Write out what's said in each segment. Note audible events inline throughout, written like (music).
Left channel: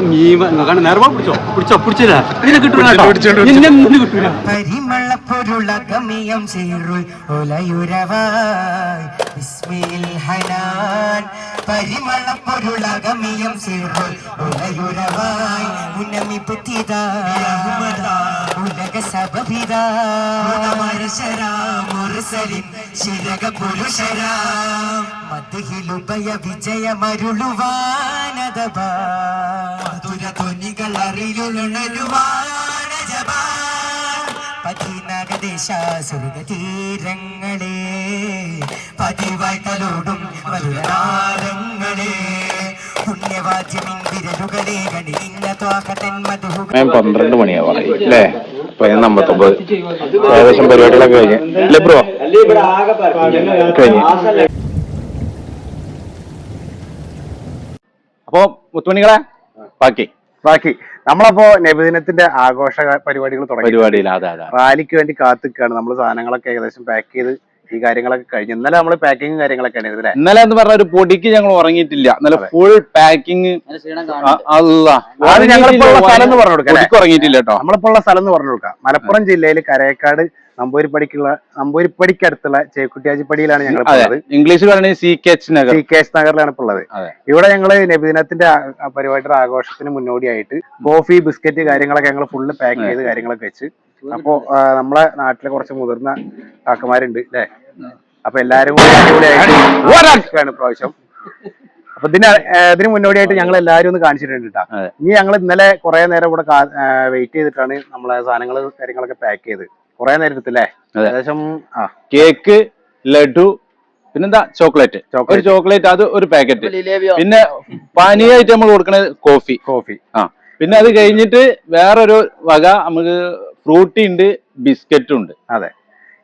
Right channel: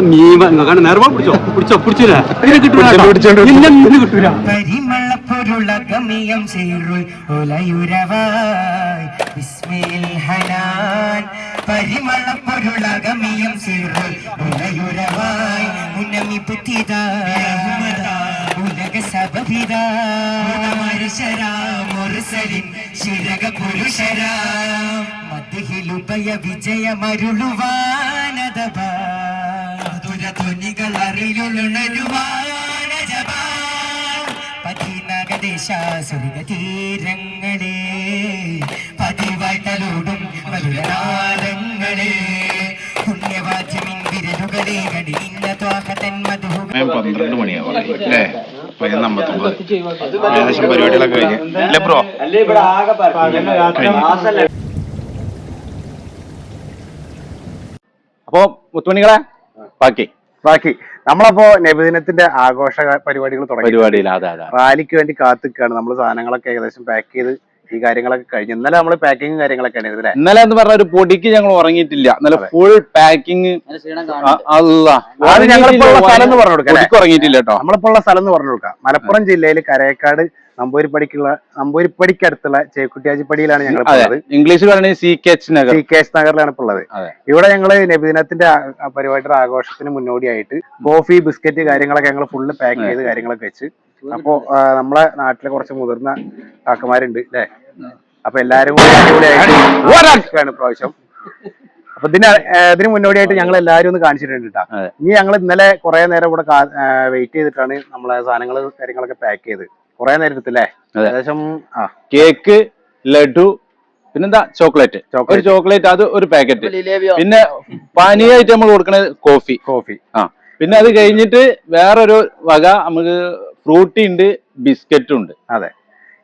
നിങ്ങൾക്കാണ് നേർമ പിടിച്ചോ പിടിച്ചോ പിടിച്ചില്ല? കിട്ടൂല പിടിച്ചോണ്ട് നിന്നെ ഒന്നും കിട്ടൂല. പരിമളപ്പൊരുളകമിയം ചേരുൾ ഒലയുരവായി. ബിസ്മിൽ ഹനാൻ പരിമളപ്പൊരുളകമിയം ചേരുൾ ഒലയുരവായി ഉന്നമി പുത്തിതാ ഉലക സബഭിതാ മനുഷ്യരാം മുരസലിൻ ശിരക പുരുഷരാം മധ്യഹിലുപയ വിജയമരുളുവാനദബാ മധുര ധ്വനികൾ അറിയുളുണരുവാനജബാ കടിഞ്ഞ ത്വാകതൻ മധുഹുകൾ സമയം പന്ത്രണ്ട് മണിയാവാം അല്ലേ? പതിനൊന്ന് അമ്പത്തൊമ്പത്. ഏകദേശം പരിപാടികളൊക്കെ കഴിഞ്ഞു. അല്ലേ ബ്രോ? കഴിഞ്ഞു. അപ്പോ മുത്തുമണികളെ? ബാക്കി. ബാക്കി. നമ്മളപ്പോ നബിദിനത്തിന്റെ ആഘോഷ പരിപാടികൾ തുടങ്ങി. പരിപാടിയിൽ റാലിക്ക് വേണ്ടി കാത്തിക്കാണ്. നമ്മൾ സാധനങ്ങളൊക്കെ ഏകദേശം പാക്ക് ചെയ്ത് ഈ കാര്യങ്ങളൊക്കെ കഴിഞ്ഞു. ഇന്നലെ നമ്മൾ പാക്കിങ് കാര്യങ്ങളൊക്കെ ആണ് അല്ലേ? ഇന്നലെ എന്ന് പറഞ്ഞ ഒരു പൊടിക്ക് ഞങ്ങൾ ഉറങ്ങിയിട്ടില്ല. നല്ല ഫുൾ പാക്കിങ് അല്ല അത് ഞങ്ങളിപ്പോ ഉള്ള സ്ഥലം എന്ന് പറഞ്ഞു കൊടുക്കാം പൊടിക്ക് ഉറങ്ങിയിട്ടില്ല കേട്ടോ. നമ്മളിപ്പോ ഉള്ള സ്ഥലം എന്ന് പറഞ്ഞു കൊടുക്കാം. മലപ്പുറം ജില്ലയിൽ കരയക്കാട് നമ്പൂരിപ്പടിക്കുള്ള നമ്പൂരിപ്പടിക്കടുത്തുള്ള ചേക്കുട്ടിയാജിപ്പടിയിലാണ് ഞങ്ങൾ അതെ. ഉള്ളത്. ഇംഗ്ലീഷിൽ പറയുന്നത് C K H Nagar. C K H നഗറിലാണ് ഇപ്പോൾ ഉള്ളത്. അതെ. ഇവിടെ ഞങ്ങൾ നബിദിനത്തിന്റെ പരിപാടിയുടെ ആഘോഷത്തിന് മുന്നോടിയായിട്ട് കോഫി ബിസ്ക്കറ്റ് കാര്യങ്ങളൊക്കെ ഞങ്ങൾ ഫുള്ള് പാക്ക് ചെയ്ത് കാര്യങ്ങളൊക്കെ വെച്ച്. അപ്പോ നമ്മളെ നാട്ടിലെ കുറച്ച് മുതിർന്ന കാക്കമാരുണ്ട് അല്ലേ? അപ്പൊ എല്ലാരും കൂടി അടിപൊളിയായിട്ട് പ്രാവശ്യം അപ്പൊ ഇതിന് ഇതിന് മുന്നോടിയായിട്ട് ഞങ്ങൾ എല്ലാരും ഒന്ന് കാണിച്ചിട്ടുണ്ട് കേട്ടോ ഇനി ഞങ്ങൾ ഇന്നലെ കുറെ നേരം ഇവിടെ വെയിറ്റ് ചെയ്തിട്ടാണ് നമ്മളെ സാധനങ്ങൾ കാര്യങ്ങളൊക്കെ പാക്ക് ചെയ്ത്. കുറെ നേരം എടുത്തില്ലേ. ഏകദേശം ആ. കേക്ക് ലഡു പിന്നെന്താ? ചോക്ലേറ്റ് ഒരു ചോക്ലേറ്റ് ചോക്ലേറ്റ് അത് ഒരു പാക്കറ്റ് പിന്നെ പാനീയായിട്ട് നമ്മൾ കൊടുക്കണത് കോഫി കോഫി ആ. പിന്നെ അത് കഴിഞ്ഞിട്ട് വേറൊരു വക നമുക്ക് ഫ്രൂട്ടി ഉണ്ട് ബിസ്ക്കറ്റും ഉണ്ട്. അതെ.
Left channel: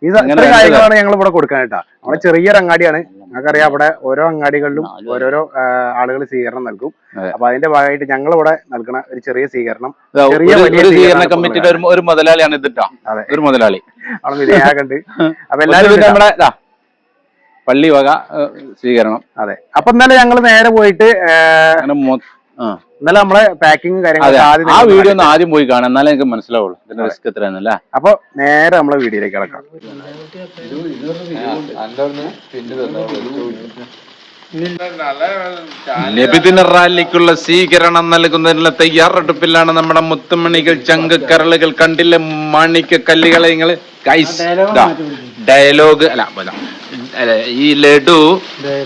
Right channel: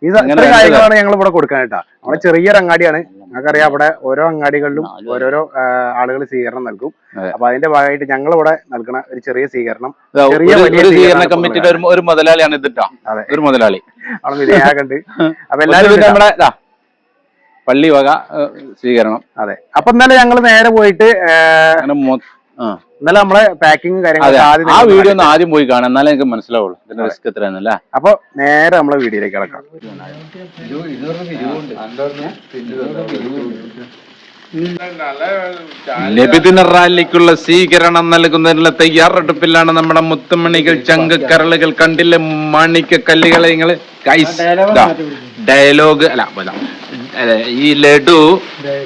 ഇത്ര കാര്യങ്ങളാണ് ഞങ്ങൾ ഇവിടെ കൊടുക്കാനായിട്ടാ. നമ്മുടെ ചെറിയൊരു അങ്ങാടിയാണ്. നമുക്കറിയാം അവിടെ ഓരോ അങ്ങാടികളിലും ഓരോരോ ആളുകൾ സ്വീകരണം നൽകും. അപ്പൊ അതിന്റെ ഭാഗമായിട്ട് ഞങ്ങൾ ഇവിടെ നൽകുന്ന ഒരു ചെറിയ സ്വീകരണം ചെറിയ സ്വീകരണ കമ്മിറ്റിയുടെ ഒരു മുതലാളിയാണ് ഇതിട്ടോ. ഒരു മുതലാളി. അവിടെ വിധേയാകണ്ട് (laughs) അപ്പൊ എല്ലാവരും നമ്മുടെ പള്ളി വക സ്വീകരണം. അതെ. അപ്പൊ ഇന്നലെ ഞങ്ങൾ നേരെ പോയിട്ട് ഇന്നലെ നമ്മളെ പാക്കിംഗ് കാര്യങ്ങൾ ആ വീഡിയോ ഒന്ന് ആദ്യം പോയി കാണാം. എന്നാലേ എനിക്ക് മനസ്സിലാവുള്ളൂ. ഇതിന്റെ റിസ്ക് എത്രയാണെന്നല്ല? അപ്പൊ നേരെ നമ്മളെ വീഡിയോയിലേക്ക് കിടക്കാം. ലഭിദിന റാലിക്കുള്ള സ്വീകരണം നൽകുന്നതിനുള്ള തയ്യാറെടുപ്പിലാണ് നമ്മുടെ മുത്തുമണികൾ ചങ്ക് കരളുകൾ കണ്ടില്ല? മാണിക്യ കല്ലുകളെ നിങ്ങൾ? ഡയലോഗ് അല്ല, ഈ ലഡു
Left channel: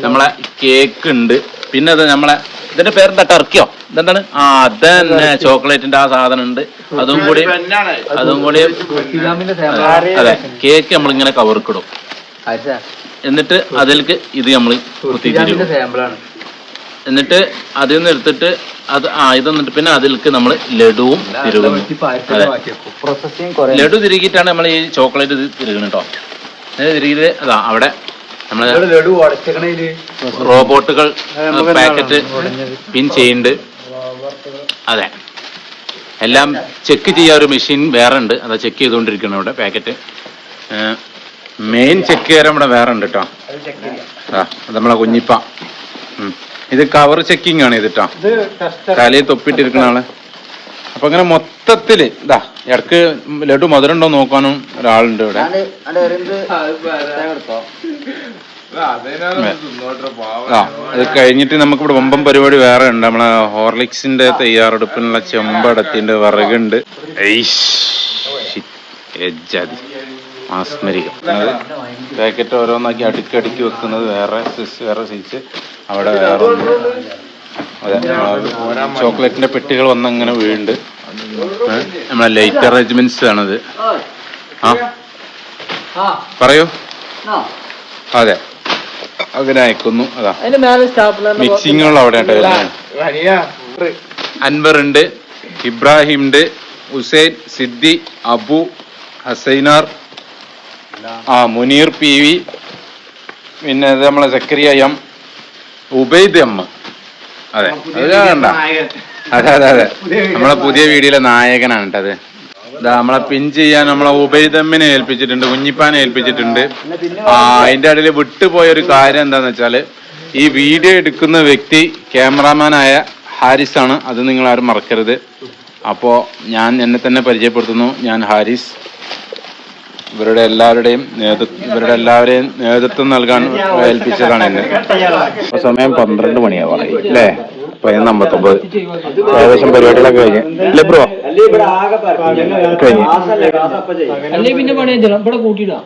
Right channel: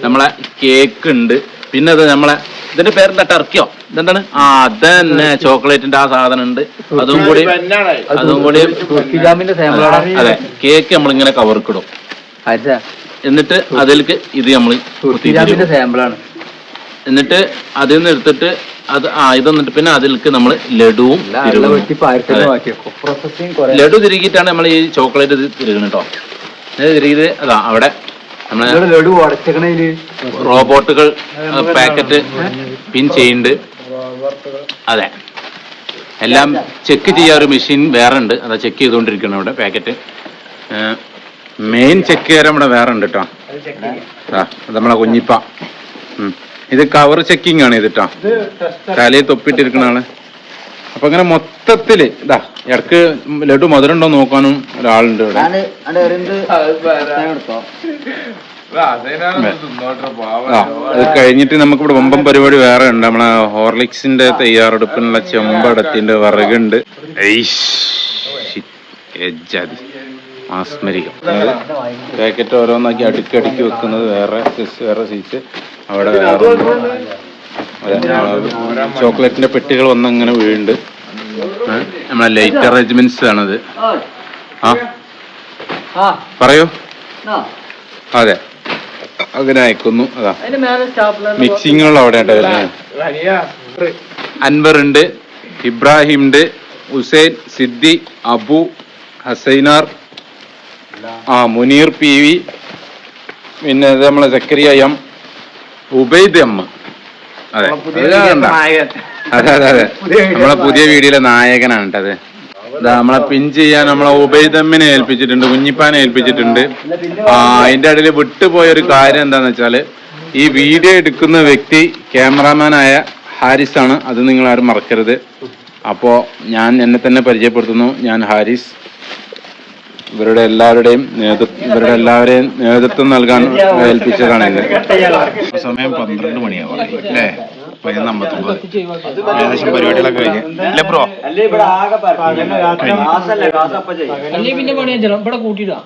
നമ്മളെ കേക്ക് ഉണ്ട്. പിന്നെ അത് നമ്മളെ ഇതിന്റെ പേരെന്താ? ടർക്കിയോ? ഇതെന്താണ്? ആ അതന്നെ. ചോക്ലേറ്റിന്റെ ആ സാധനം ഉണ്ട്. അതും കൂടി അതും കൂടി അതെ, നമ്മൾ കേക്ക് നമ്മളിങ്ങനെ കവർക്കിടും. എന്നിട്ട് അതിലേക്ക് ഇത് നമ്മൾ കുത്തിത്തിരിക്കും എന്നിട്ട് അതിൽ നിന്ന് എടുത്തിട്ട് അത് ആ ഇത് എന്നിട്ട് പിന്നെ അതിലേക്ക് നമ്മൾ ലഡുവും തിരുകുന്നു അതെ ലഡു തിരുകിയിട്ടാണ് നമ്മൾ ഈ ചോക്ലേറ്റ് ഇത് തിരുകുന്നത് കേട്ടോ. തിരുകിയത് അതാ അവിടെ നമ്മളെ റോബോട്ടുകൾ പാക്കറ്റ് പിൻ ചെയ്യുന്നുണ്ട്. അതെ. എല്ലാം ചെക്ക് ചെയ്യാൻ ഒരു മെഷീൻ വേറെ ഉണ്ട് അതാ ചെക്ക് ചെയ്തുകൊണ്ടിരിക്കണം ഇവിടെ പാക്കറ്റ്. മെയിൻ ചെക്ക് ചെയ്യാൻ ഇവിടെ വേറെ ഉണ്ട് കേട്ടോ ആ അത് നമ്മളെ കുഞ്ഞിപ്പ. ഇത് കവർ ചെക്കിംഗ് ആണ് ഇത് കേട്ടോ തലയിൽ തൊപ്പിട്ടിരിക്കണ ആൾ. അപ്പൊ അങ്ങനെ മൊത്തത്തിൽ ഇതാ ഇടയ്ക്ക് ലഡു മധുരണ്ടോ നോക്കാനും ഒരാളുണ്ട് ഇവിടെ. ആ അത് കഴിഞ്ഞിട്ട് നമുക്കിവിടെ വമ്പം പരിപാടി വേറെ ഉണ്ട്. നമ്മളെ ഹോർലിക്സിന്റെ തയ്യാറെടുപ്പിനുള്ള ചെമ്പടത്തിന്റെ വിറകുണ്ട്. എജ്ജാതി മാസ്മരികം. പാക്കറ്റ് ഓരോന്നാക്കി അടുക്കി അടുക്കി വെക്കുന്നത് വേറെ വേറെ സീറ്റ് അവിടെ വേറെ ചോക്ലേറ്റിന്റെ പെട്ടികൾ വന്നങ്ങനെ വീഴുന്നുണ്ട്. ഏ? നമ്മളെ ലൈറ്റ് അറേഞ്ച്മെന്റ്സ് ആണത്. ആ? പറയൂ. അതെ. അങ്ങനെ അയക്കുന്നു. അതാ. മിക്സിങ്ങുകൾ അവിടെ അൻവർ ഉണ്ട് ഇബ്രാഹിം ഉണ്ട് ഹുസൈൻ സിദ്ദി അബു ഹസൈനാർ ആ മുനീർ പി വി പിന്നെ നമ്മളെ സക്കരിയ എം ഉബൈദ് എം. അതെ. അതെ അതെ അതെ നമ്മളെ പുതിയ വീഡിയോയിലെ നായകനാണ് കേട്ടോ അത്. ഇതാ നമ്മളെ പിൻ ചെയ്യാൻ നമ്മളെ ഉബൈദമ്മിനെ ഏൽപ്പിച്ചിട്ടുണ്ട് കുഞ്ഞിപ്പാനെ ഏൽപ്പിച്ചിട്ടുണ്ട്. ആ അതിന്റെ ഇടയിൽ വിട്ടുപോയ ഒരു കാര്യം എന്താന്ന് വെച്ചാൽ ഈ വീഡിയോ എടുക്കുന്ന വ്യക്തി ക്യാമറാമാനായ ഹാരിസ് ആണ് അത് നിങ്ങൾ ആരും മറക്കരുത്. അപ്പോൾ ഞാൻ എന്നെ തന്നെ പരിചയപ്പെടുത്തുന്നു. ഞാൻ ഹാരിസ്. ഇവരുടെ എല്ലാവരുടെയും നേതൃത്വം ഇവരുടെ എല്ലാവരെയും നേതൃത്വം നൽകാൻ ഏൽപ്പിച്ചതാണ് എന്നെ സമയം പന്ത്രണ്ട് മണിയാവാണ് അല്ലേ? പതിനൊന്ന് അമ്പത്തൊമ്പത് ഏകദേശം പരിപാടികളൊക്കെ കഴിഞ്ഞ്. അല്ലേ ബ്രോ? കഴിഞ്ഞു. പിന്നെ പണി ഇവിടെ കൂട്ടിയിടാ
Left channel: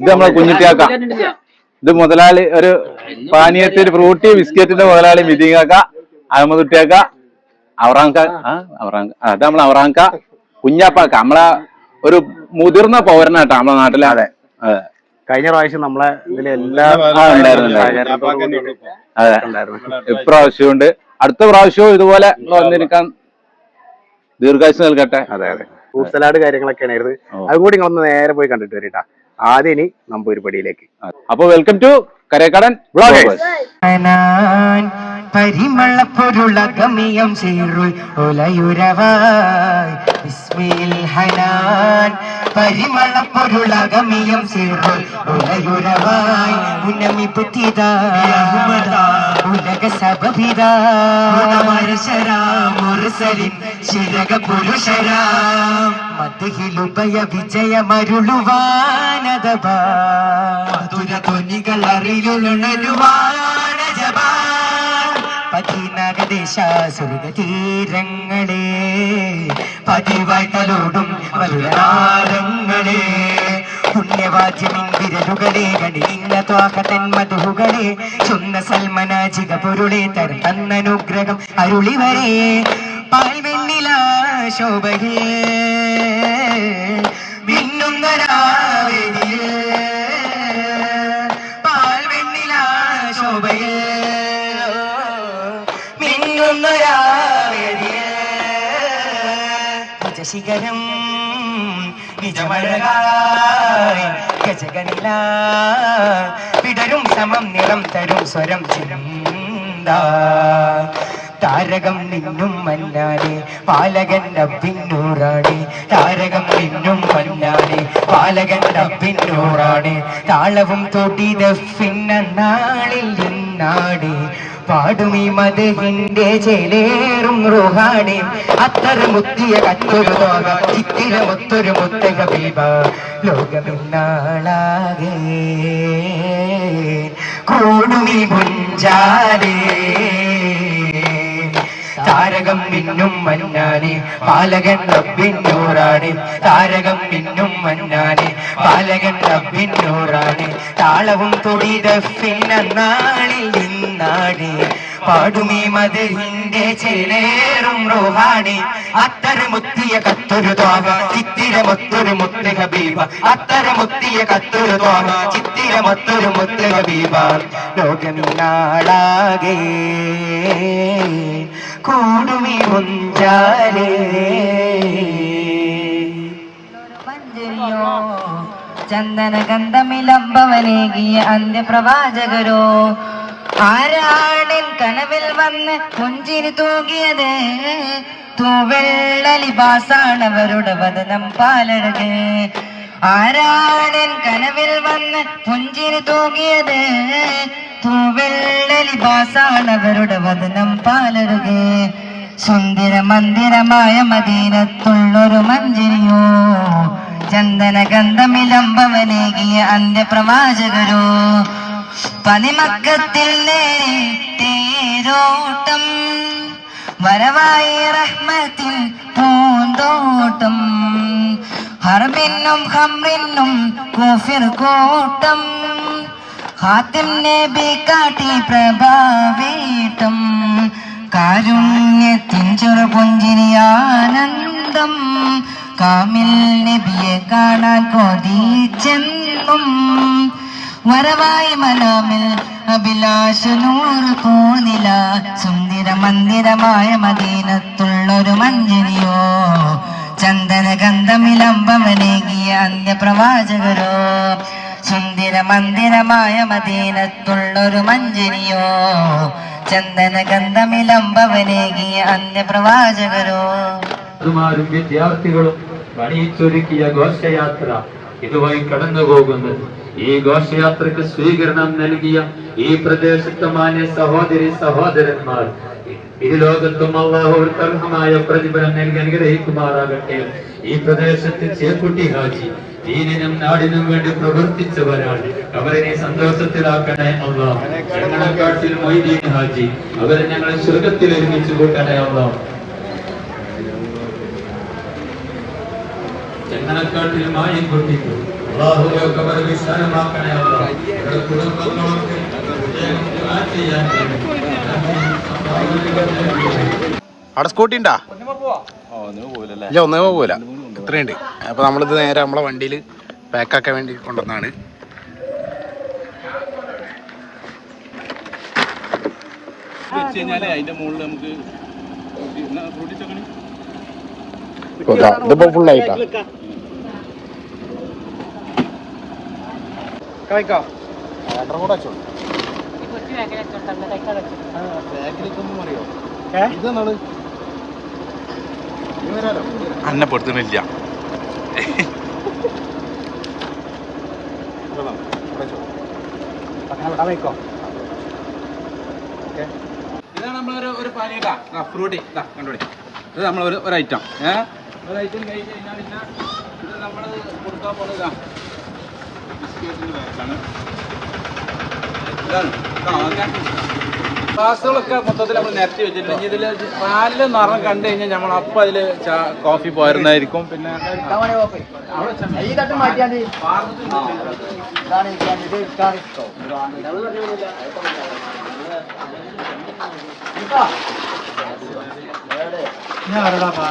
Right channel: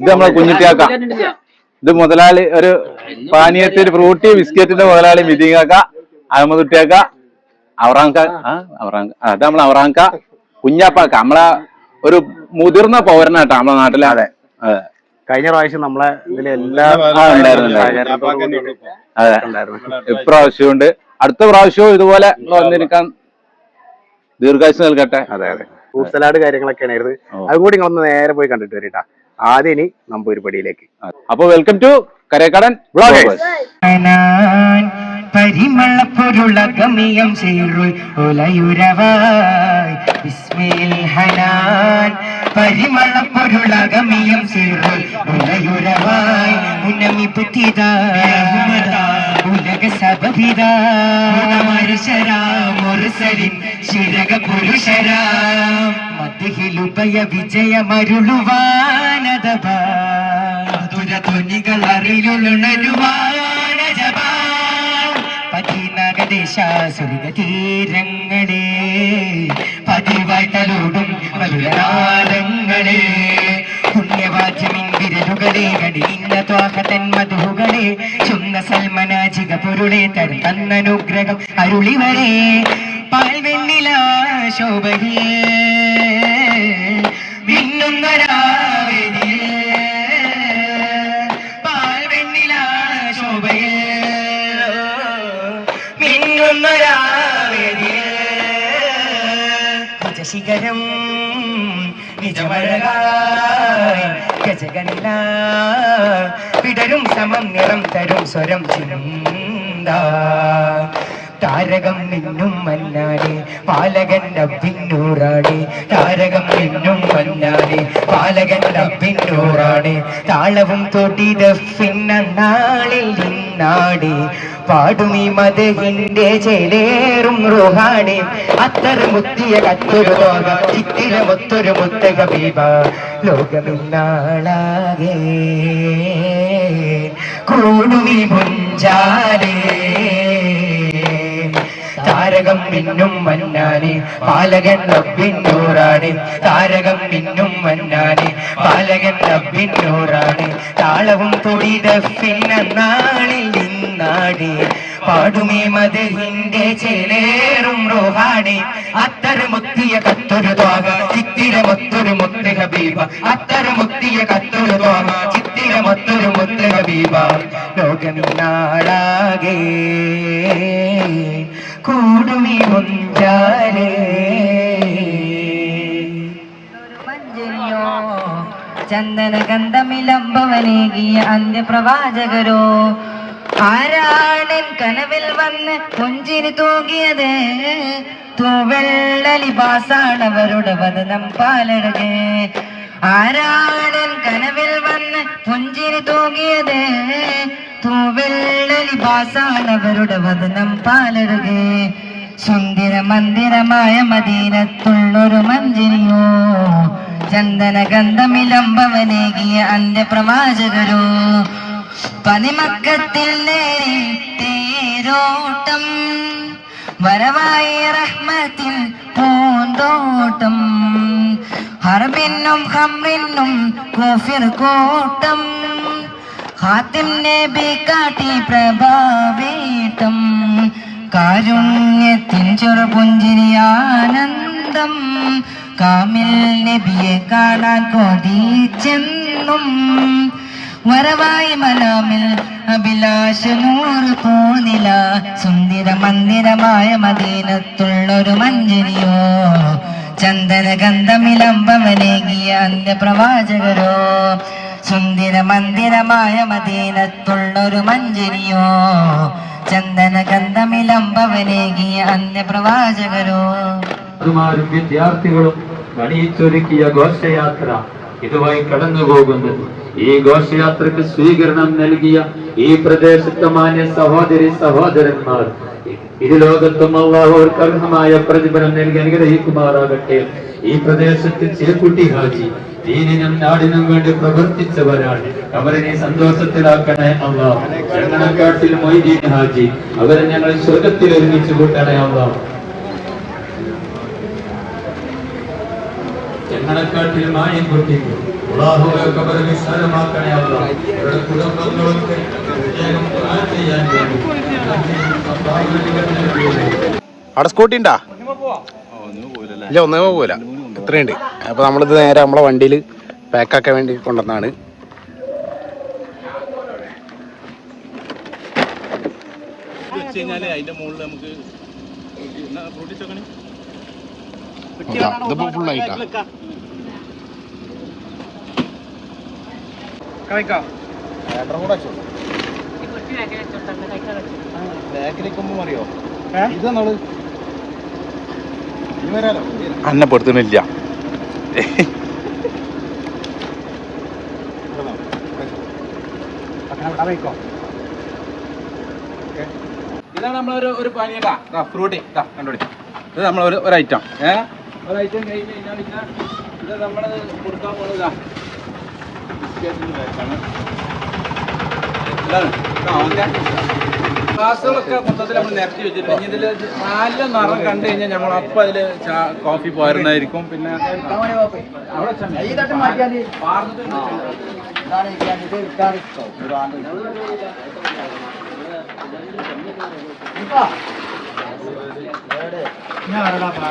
ഇത് നമ്മളെ കുഞ്ഞിട്ടിയാക്ക. ഇത് മുതലാളി ഒരു പാനീയത്തിൽ ഫ്രൂട്ടി ബിസ്ക്കറ്റിന്റെ മുതലാളി മിതിങ്ങാക്ക അഹമ്മദുട്ടിയാക്ക അവറാങ്ക ആ അവറാങ്ക ആ, അത് നമ്മളെ അവറാങ്ക കുഞ്ഞാപ്പാക്ക നമ്മളെ ഒരു മുതിർന്ന പൗരനാട്ടോ നമ്മളെ നാട്ടിലെ. അതെ. അതെ. കഴിഞ്ഞ പ്രാവശ്യം നമ്മളെ ഇതിലെ എല്ലാ അതെ. ഉണ്ടായിരുന്നു. ഇപ്രാവശ്യമുണ്ട്. അടുത്ത പ്രാവശ്യവും ഇതുപോലെ വന്നിരിക്കാൻ ദീർഘായുസ് നൽകട്ടെ. അതെ അതെ. ഫ്രൂട്ട് സലാഡ് കാര്യങ്ങളൊക്കെയാണ്. അതും കൂടി നിങ്ങളൊന്ന് നേരെ പോയി കണ്ടിട്ട് വരിട്ടാ. ആദ്യം ഇനി നമ്പൂരിപ്പടിയിലേക്ക് അപ്പൊ വെൽക്കം ടു കരേക്കടൻ ബ്ലോഗേഴ്സ് ഹനാൻ പരിമളപ്പൊരുളകമിയം ചേരുൾ ഒലയുരവായി. ബിസ്മിൽ ഹനാൻ ഒലയുരവായി. ഉന്നമി ഉലക സബഭിതാ മുർസലിൻ ശിരക പുരുഷരാം മധുഹിലുപയ വിജയമരുളുവാനദബാ മധുര ധ്വനികൾ അറിയുണരുവാനജബാ പതിനകദേശ പതിവായിട്ടലോടും മധുരനാദങ്ങളെ പുണ്യവാദ്യമിൻ വിരലുകളെ കടിഞ്ഞ ത്വാകതൻ മധുകളെ ചുന്ന സൽമനാജിക പൊരുളെ തരും തന്നനുഗ്രഹം അരുളിവരെ പാൽവെണ്ണില ശോഭയേ മിന്നുന്ന നിജശിഖരം നിജമഴകായി ഗജഗണില. വിടരും സമം നിറം തരും സ്വരം ചിന്ത. താരകം നിന്നും മന്നാടി പാലകൻ അഭിന്നൂറാണ് താരകം നിന്നും മന്നാടി പാലകൻ അഭിന്നൂറാണ് താളവും തൊടിത പിന്നാളിൽ നിന്നാടി. പാടുമീ ചേലേറും റുഹാണി. അത്തര മുത്തിയ കത്തൊരു ലോക ചിത്തിരമൊത്തൊരു മുത്തക ബീബ. ലോകമിന്നാളാകെ കൂടുമീ മുഞ്ചാലേ. താരകം പിന്നും മന്നാനെ പാലകൻ റബ്ബിന്നൂറാണ് താരകം പിന്നും മന്നാനെ പാലകൻ റബ്ബിന്നൂറാണ് താളവും തൊടിത പിന്നാളിൽ പാടുമേ മതിലിന്റെ ചേലേറും റോഹാണി. അത്തര മുത്തിയ കത്തൊരു തോക ചിത്തിരമൊത്തൊരു മുത്ത് ഹബീബ. അത്തര മുത്തിയ കത്തൊരു തോക ചിത്തിരമൊത്തൊരു മുത്ത് ഹബീബ. ലോകമിന്നാളാകെ കൂടുമി മുഞ്ചാലേ. മഞ്ജരിയോ ചന്ദന ഗന്ധമിലംബവനേകിയ അന്ത്യപ്രവാചകരോ ആരാണൻ കനവിൽ വന്ന് പുഞ്ചിരി തൂകിയത്? തൂവെള്ള ലിബാസാണവരുടെ വദനം പാലഴക് ആരാണൻ കനവിൽ വന്ന് പുഞ്ചിരി തൂകിയത്? തൂവെള്ള ലിബാസാണവരുടെ വദനം പാലഴക് സുന്ദര മന്ദിരമായ മദീനത്തുള്ളൊരു മഞ്ചിരിയോ? ചന്ദന ഗന്ധമിലംബവനേകിയ അന്ത്യപ്രവാചകരോ? പതിമക്കത്തിൽ നേരിട്ടേരോട്ടം വരവായി റഹ്മത്തിൽ പൂന്തോട്ടം ഹർമിന്നും ഹമ്രിനും കൂഫിർ കൂട്ടം ഹാത്തിം നബി കാട്ടി പ്രഭാവീട്ടം കാരുണ്യത്തിൻ ചെറുപുഞ്ചിരിയാനന്ദം കാമിൽ നബിയെ കാണാൻ കൊതിച്ചെന്നും വരവായി മനോമിൽ അഭിലാഷ നൂറ് പോന്നില സുന്ദര മന്ദിരമായ മദീനത്തുള്ളൊരു മഞ്ജരിയോ. ചന്ദന ഗന്ധമിലംബവനേകിയ അന്ത്യപ്രവാചകരോ സുന്ദര മന്ദിരമായ മദീനത്തുള്ളൊരു മഞ്ജരിയോ. ചന്ദന ഗന്ധമിലംബവനേകിയ അന്ത്യപ്രവാചകരോ വിദ്യാർത്ഥികളും പണിയിച്ചൊരുക്കിയ ഘോഷയാത്ര. ഇതുവഴി കടന്നു പോകുന്നത് ഈ ഘോഷയാത്രക്ക് സ്വീകരണം നൽകിയ ഈ പ്രദേശത്തെ മാന്യ സഹോദരി സഹോദരന്മാർ ഈ ലോകത്തും അള്ളാഹുർക്ക് അർഹമായ പ്രതിഫലം നൽകി അനുഗ്രഹിക്കുമാറാകട്ടെ. ഈ പ്രദേശത്ത് ചേക്കുട്ടി ഹാജി ദീനിനും നാടിനും വേണ്ടി പ്രവർത്തിച്ചവരാണ്. അവരെ സന്തോഷത്തിലാക്കണേ അള്ളാഹ്. ഞങ്ങളെക്കാട്ടിൽ മൊയ്തീൻ ഹാജി അവരെ ഞങ്ങൾ സ്വർഗത്തിൽ ഒരുമിച്ച് കൂട്ടണേ അള്ളാഹ്. ഞങ്ങളെക്കാട്ടിൽ മായം കൊട്ടിക്കു അള്ളാഹുവൊക്കെ വളരെ വിശാലമാക്കണേ അള്ളാഹ് ഇവിടെ കുടുംബങ്ങളൊക്കെ പ്രത്യേകം ദുആ ചെയ്യാൻ വേണ്ടി. അവിടെ സ്കൂട്ടി ഉണ്ടാ? ഇല്ല ഒന്നേ പോകൂല ഇത്രയുണ്ട്. അപ്പൊ നമ്മളിത് നേരെ നമ്മളെ വണ്ടിയിൽ പാക്കാക്കാൻ വേണ്ടി കൊണ്ടുവന്നാണ്. ഇതിപ്പോ അന്നെ പെടുത്തുന്നില്ല. ഇതാണ് നമ്മളൊരു ഒരു പാനീയ ഫ്രൂട്ടി ഇതാ കണ്ടോടി. ഇത് നമ്മളൊരു ഒരു ഐറ്റം ഏഹ് ഒരു ഐറ്റം കഴിഞ്ഞ് കഴിഞ്ഞാൽ ഇതാ ഇത് നമ്മൾ കൊടുക്കാൻ പോകുന്നതാ ബിസ്ക്കറ്റിന്റെ പാക്കാണ് ഇതാണ് ഇതാ ഓക്കെ ഗ്ലാസ്സുകളൊക്കെ മൊത്തത്തിൽ നമ്മൾ നിരത്തി വെച്ചിട്ടുണ്ട്. ഇതിൽ നല്ല നിറം കണ്ടു കഴിഞ്ഞാൽ നമ്മൾ അപ്പം അതിൽ കോഫി പോരുന്നതായിരിക്കും. പിന്നെ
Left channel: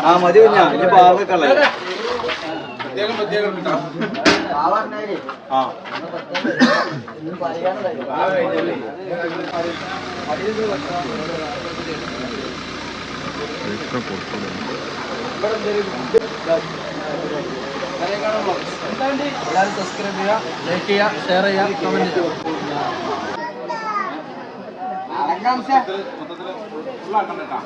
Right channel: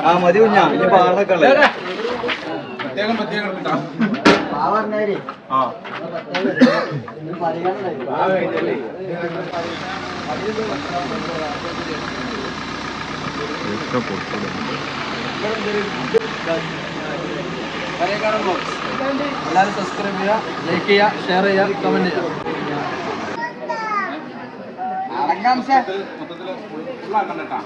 ആ മതി കുഞ്ഞാ. ഇനി പാർക്കല്ലേ ഉള്ളത്. പ്രത്യേകം പ്രത്യേകം. ആ. എല്ലാവരും സബ്സ്ക്രൈബ് ചെയ്യുക ലൈക്ക് ചെയ്യുക ഷെയർ ചെയ്യുക കമന്റ് ചെയ്യുക. മൊത്തത്തിൽ ഫുള്ളാക്കണ്ട കേട്ടോ.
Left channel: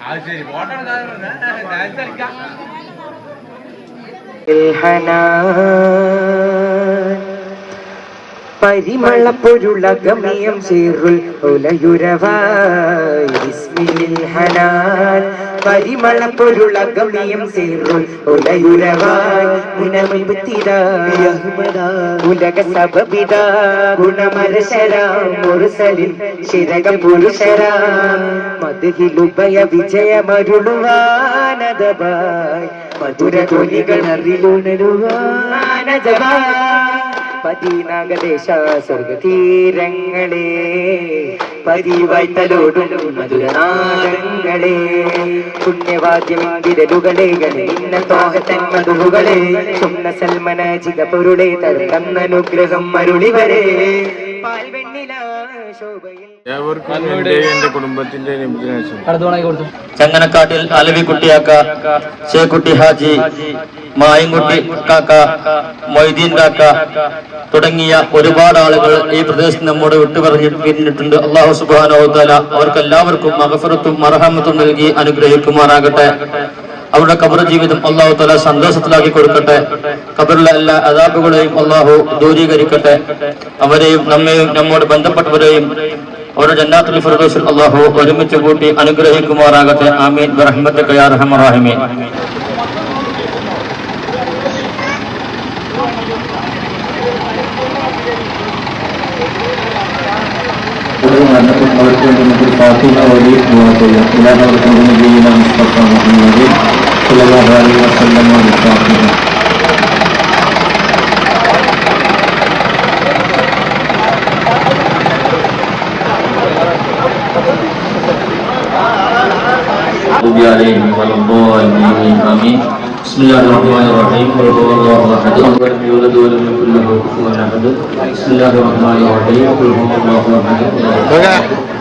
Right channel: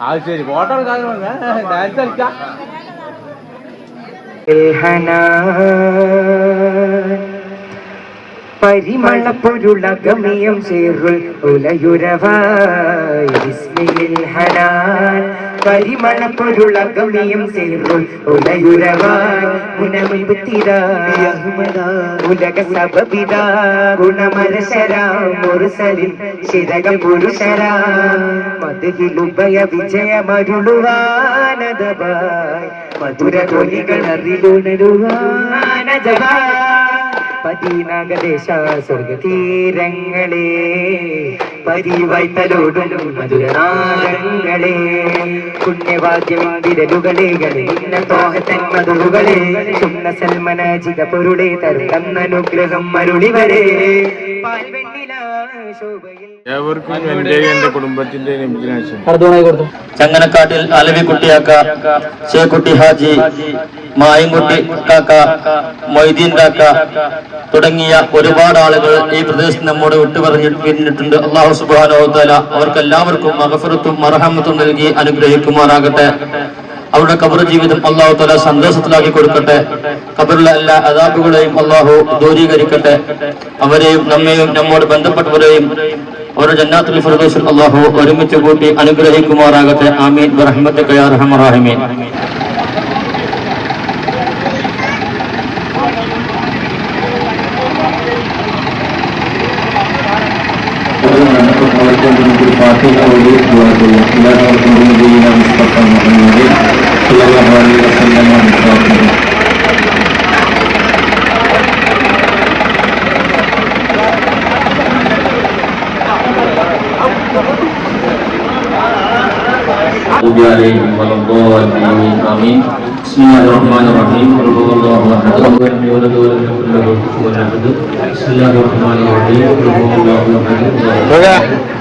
ആ ശരി ഫോട്ടോ എടുക്കാൻ ഡാൻസ് കളിക്കാം പരിമള പൊരുളകമയം ചേറുൽ ഉലയുരവായി ഹനാൻ മധുര ധ്വനികൾ അറിലുണരുവാനദവായി പതിനകദേശ സ്വർഗതീരങ്ങളെ പരിവായ്ത്തലോടും മധുരനാദങ്ങളെ പുണ്യവാദ്യം വിരലുകളെ ഗണിന്ന പാകത്തൻ മധുരുകളെ സുന്ന സൽമനാജിക പൊരുളെ തരുണം അനുഗ്രഹം മരുളിവരെ ഏവർക്കും എന്റെ എന്റെ കുടുംബത്തിന്റെ ചങ്ങനക്കാട്ടിൽ അലവിക്കുട്ടിയാക്ക ചേക്കുട്ടി ഹാജി മായൻകുട്ടി കാക്ക മൊയ്തീൻ കാക്ക തുടങ്ങിയ ഒരുപാട് ആളുകൾ ഈ പ്രദേശത്ത് നമ്മോട് വിട്ടുപറഞ്ഞി പിരിഞ്ഞിട്ടുണ്ട് അള്ളാഹു സുബാനോത്തല അവർക്കെല്ലാവർക്കും മഹഫറത്തും മർഹമത്തും നൽകി അനുഗ്രഹിക്കുമാറാകട്ടെ. അവരുടെ കബർ ജീവിതം അള്ളാഹു തല സന്തോഷത്തിലാക്കി കൊടുക്കട്ടെ. കബറിലെ എല്ലാ അതാബുകളെയും അള്ളാഹു ദൂരീകരിക്കട്ടെ. അവരെയും നമ്മെയും നമ്മോട് ബന്ധപ്പെട്ടവരെയും അവരുടെ ജന്നാത്തുൽ ഫിർദൗസിൽ അള്ളാഹു ഒരുമിച്ച് കൂട്ടി അനുഗ്രഹിക്കുമാറാകട്ടെ. ആമീൻ. റഹ്മത്ത് കയാ Bismillahirrahmanirrahim.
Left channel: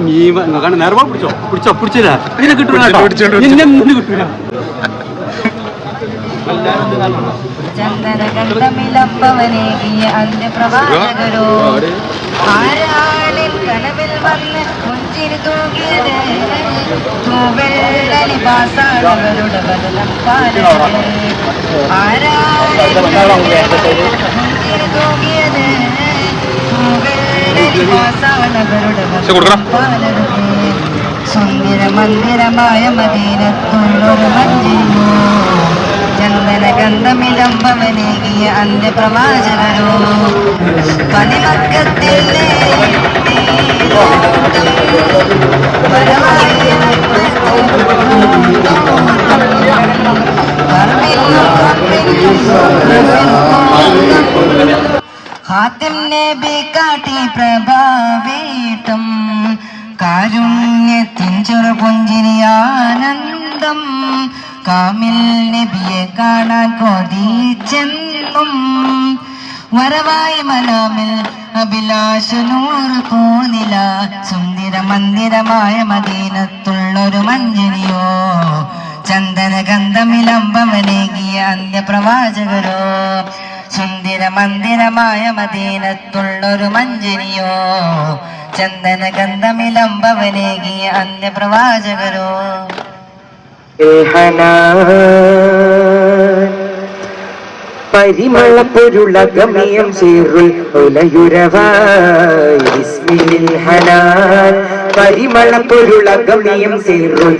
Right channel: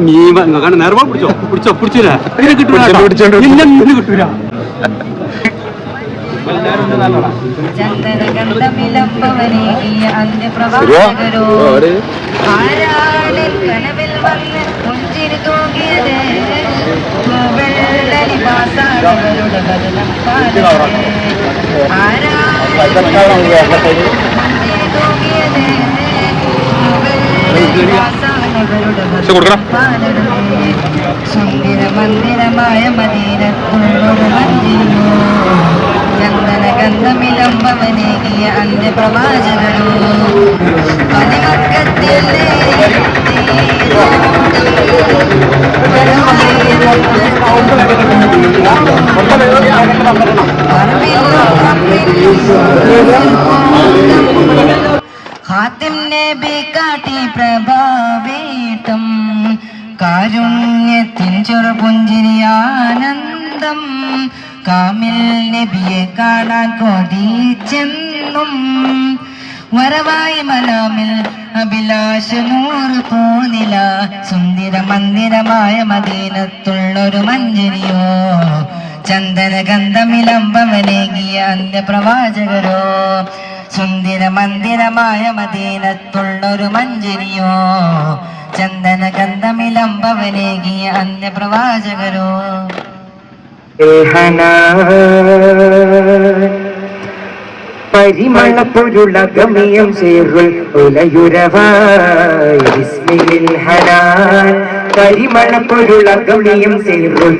നീ കണ്ട നേരമാ പിടിച്ചോ പിടിച്ചോ പിടിച്ചില്ല ഇതിനെ കിട്ടൂല ഇന്നെ കിട്ടൂല ചന്ദനകണ്ഠമിലപ്പവനെ ഈ അന്യപ്രവാചകരോ ആരാളിൽ കനവിൽ വന്ന് പുഞ്ചിരി തൂക്കിയ സുന്ദര മന്ദിരമായ മദീനത്തുള്ളൊരു മന്ദിരമോ ചന്ദന ഗന്ധമിലമ്പവനേകിയ അന്ത്യപ്രവാചകരോ പണിമക്കത്തിൽ ഹാത്തിം നബി കാരുണ്യത്തിൻ ചെറുപുഞ്ചിരിയാനന്ദം കാമിൽ നബിയെ കാണാൻ കൊതിച്ചെന്നും വരവായി മനാമിൽ അഭിലാഷ നൂറ് പോനില. സുന്ദര മന്ദിരമായ മദീനത്തുള്ളൊരു മഞ്ജരിയോ ചന്ദന ഗന്ധമിലമ്പവനേകിയ അന്ത്യപ്രവാചകരോ. സുന്ദര മന്ദിരമായ മദീനത്തുള്ളൊരു മഞ്ജരിയോ ചന്ദന ഗന്ധമിലമ്പവനേകിയ അന്ത്യപ്രവാചകരോ. പരിമള പൊരുള ഗമയം ചേറുൽ ഒലയുരവായി. ബിസ്മിൽ ഹനാൻ പരിമള പൊരുള ഗമയം ചേറുൽ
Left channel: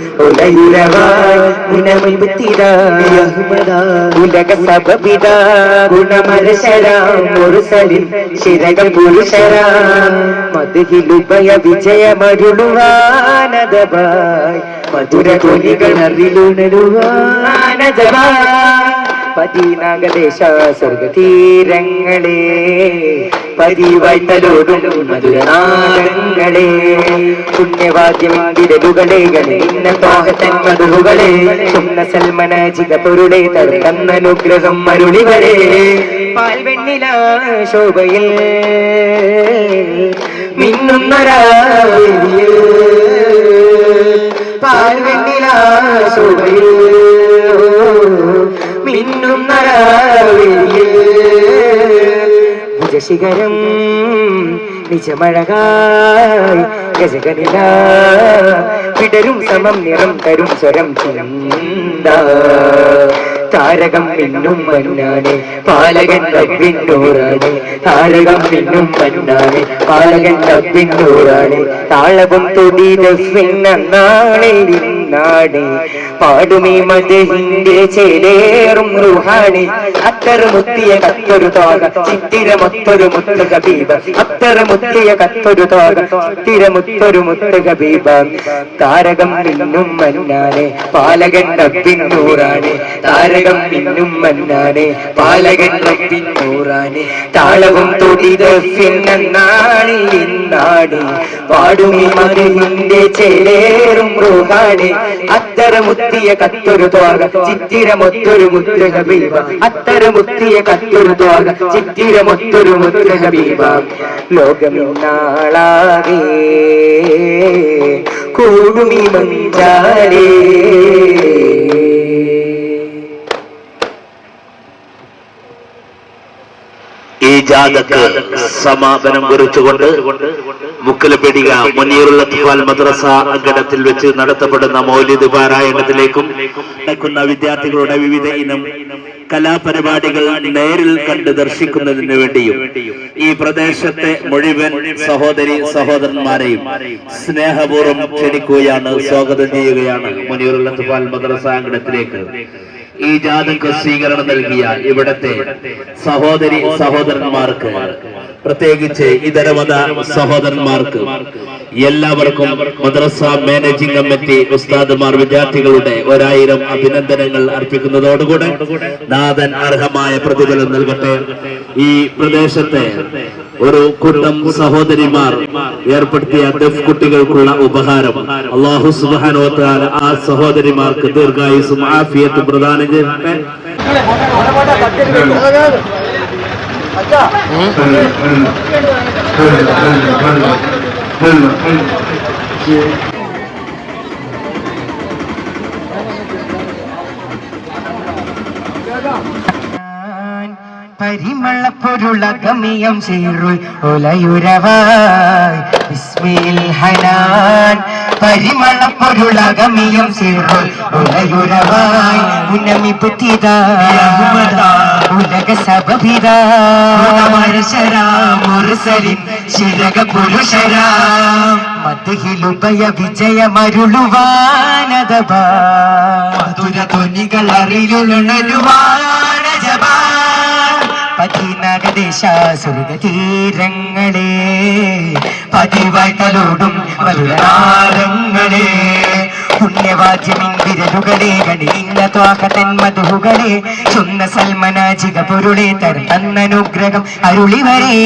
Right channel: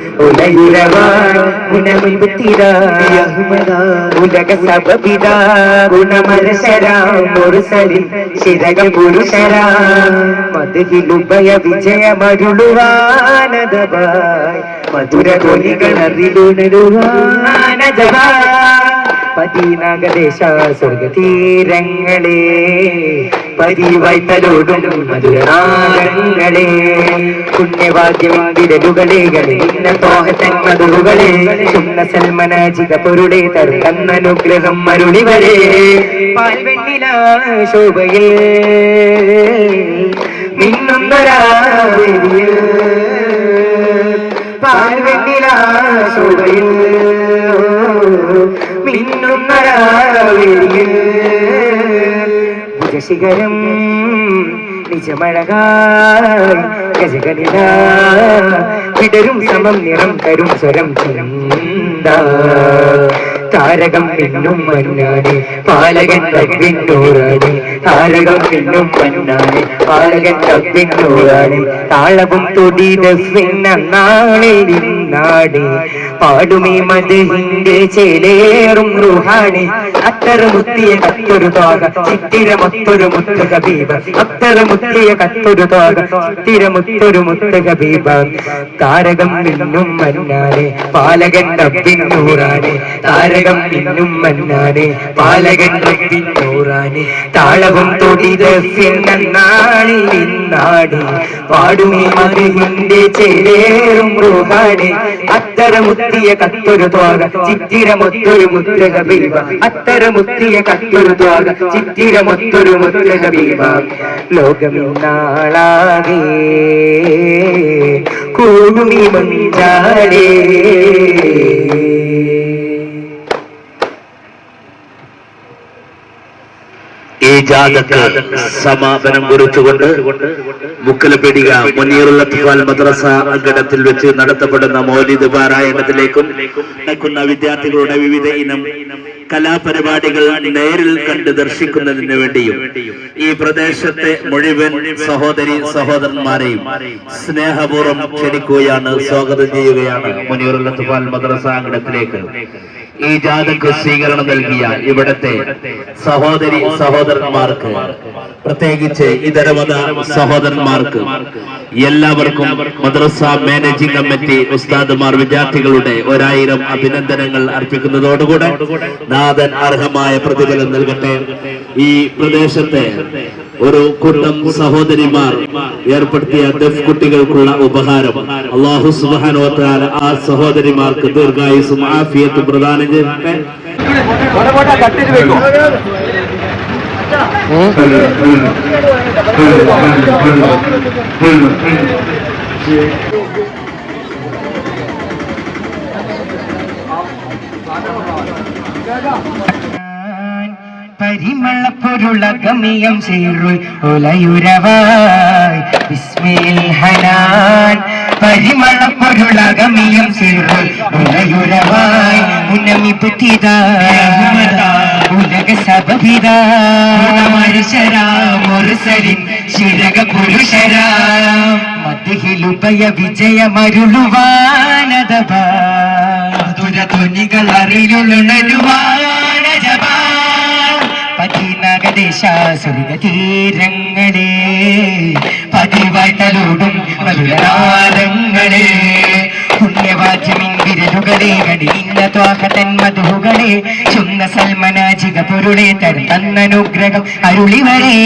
വിജയമരുളുവാനദവായി മധുര ധ്വനികൾ അറിലുണരുവാനദവായി പതിനകദേശ സ്വർഗതീരങ്ങളെ മധുരനാഗങ്ങളെ പുണ്യവാദ്യം വിരലുകളെ മധുരുകളെ ചുന്ന അനുഗ്രഹം മരുളികളെ പാൽവെണ്ണില ശോഭയിൽ മിന്നുന്നൊരാവേദിയിൽ പാൽവെണ്ണില ശോഭയിൽ മിന്നുന്നരാവേദിയിൽ വിജശിഖരം നിജമഴകായി സമം നിറം തരും സ്വരം ചിന്ത താരകം പിന്നും മന്നാടി പാലകൻ തപ്പിന്നൂറാടി താരകം പിന്നും മന്നാടി പാലകൻ തപ്പിന്നൂറാടി താളവും തുടി നാളിൽ നാടി. പാടുമീ മതിന്റെ ചേലേറും റുഹാണി. അത്തര മുത്തിയ കത്തൊരു താക ചിത്തിര മത്തൊരു മുത്ത് കബീബ. അത്തര മുത്തിയ കത്തൊരു താക ചിത്തിര മുത്തൊരു മുത്ത് കബീബ. താരകം മിന്നും മന്നാനെ പാലകൻ നൂറാനെ. താരകം മിന്നും മന്നാനെ പാലകൻ നൂറാനെ. താളവും തൊടിത നാളിൽ നാടി പാടുമീ മതിന്റെ ചേലേറും റുഹാണി. അത്തര മുത്തിയ കത്തൊരു തോക ചിത്തിരമൊത്തൊരു മുദ്രക ബീവ. അത്തര മുത്തിയ കത്തൊരു തോക ചിത്തിരമൊത്തൊരു മുദ്രക ബീവ. ലോകമിന്നാളാകെ കൂടുമി മഞ്ചാരേ ഈ ജാഥക്ക് സമാപനം കുറിച്ചുകൊണ്ട് മുക്കലപ്പെടിക മുനീറുള്ള അത്ഫാൽ മദ്രസ അങ്കണത്തിൽ വെച്ച് നടത്തപ്പെടുന്ന മൗലിദ് പാരായണത്തിലേക്കും നടക്കുന്ന വിദ്യാർത്ഥികളുടെ വിവിധ ഇനം കലാപരിപാടികൾ നേരിൽ കണ്ട് ദർശിക്കുന്നതിന് വേണ്ടിയും ഈ പ്രദേശത്തെ മുഴുവൻ സഹോദരി സഹോദരന്മാരെയും സ്നേഹപൂർവം ക്ഷണിക്കുകയാണ് സ്വാഗതം ചെയ്യുകയാണ് മുനീറുള്ള മദ്രസ അങ്കണത്തിലേക്ക്. ഈ ജാഥക്ക് സ്വീകരണം നൽകിയ ഇവിടത്തെ സഹോദരി സഹോദരന്മാർക്ക് പ്രത്യേകിച്ച് ഇതരമത സഹോദരന്മാർക്ക് എല്ലാവർക്കും മദ്രസ മാനേജിംഗ് കമ്മിറ്റി ഉസ്താദുമാർ വിദ്യാർത്ഥികളുടെ ഒരായിരം അഭിനന്ദനങ്ങൾ അർപ്പിക്കുന്നതോടുകൂടെ നാഥൻ അർഹമായ പ്രതിഫലം നൽകട്ടെ. ഈ പ്രദേശത്തെ ഒരു കൂട്ടം സഹോദരിമാർ ഏർപ്പെടുത്തിയ ദഫ് കുട്ടികൾക്കുള്ള ഉപഹാരം. അള്ളാഹു സുബാനോത്താൽ ആ സഹോദരിമാർക്ക് ദീർഘായുസും ആഫിയത്തും പ്രദാനം ചെയ്യട്ടെ. സീറുൾ ബിസ്മിൽ ഹനാൻ സീറുൾ ഒലയുരവായി. ഉന്നമി ഉലക മുരുസരിൻ ശിരക പുരുഷരാ മതിഹിലുപയ വിജയമരുളുവാനതബാ മധുര ധ്വനികൾ അറിയുണരുവാനജബാ പതിനകദേശ സ്വർഗതീരങ്ങളെ പതിവായി തലോടും പുണ്യവാദ്യമിൻ വിരലുകളെ കടിഞ്ഞ ത്വാഹതൻ മധുകളെ ചുന്ന സൽമനാജിക പൊരുളെ തരം തന്നനുഗ്രഹം അരുളിവരെ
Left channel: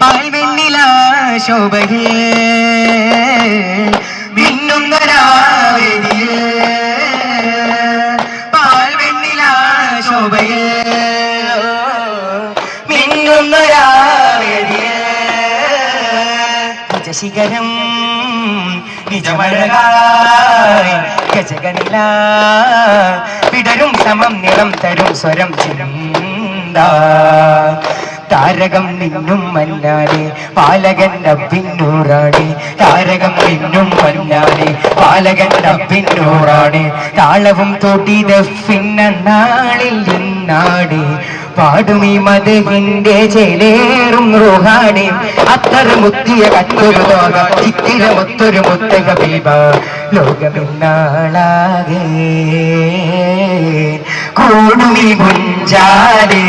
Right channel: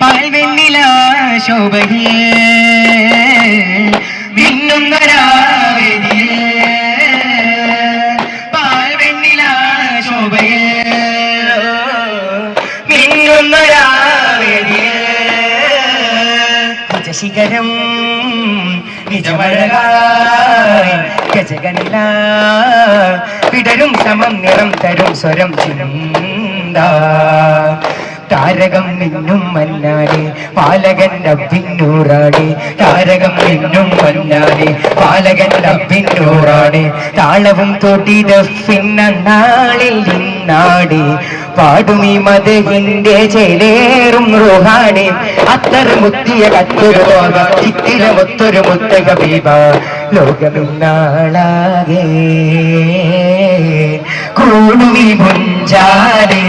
പാൽവെണ്ണില ശോഭയേ മിന്നുന്ന നിജശിഖരം നിജമഴകായി ഗജഗണില വിടരും സമം നിറം തരും സ്വരം ചിന്ത. താരകം നിന്നും മന്നാനെ പാലകൻ ഡബ്ബിന്നൂറാണ് താരകം നിന്നും മന്നാനെ പാലകൻ ഡബ്ബിന്നൂറാണ് താളവും തൊട്ടി പിന്നാളിൽ നിന്നാടി പാടുമീ മതഹിന്റെ ചേലേറും റോഹാണി അത്തർ മുത്തിയ കത്തൊരു ലോക ചിത്തിരമൊത്തൊരു മുത്തക ബീബ. ലോകമിന്നാളാകെ കൂടുമീ മുഞ്ചാലേ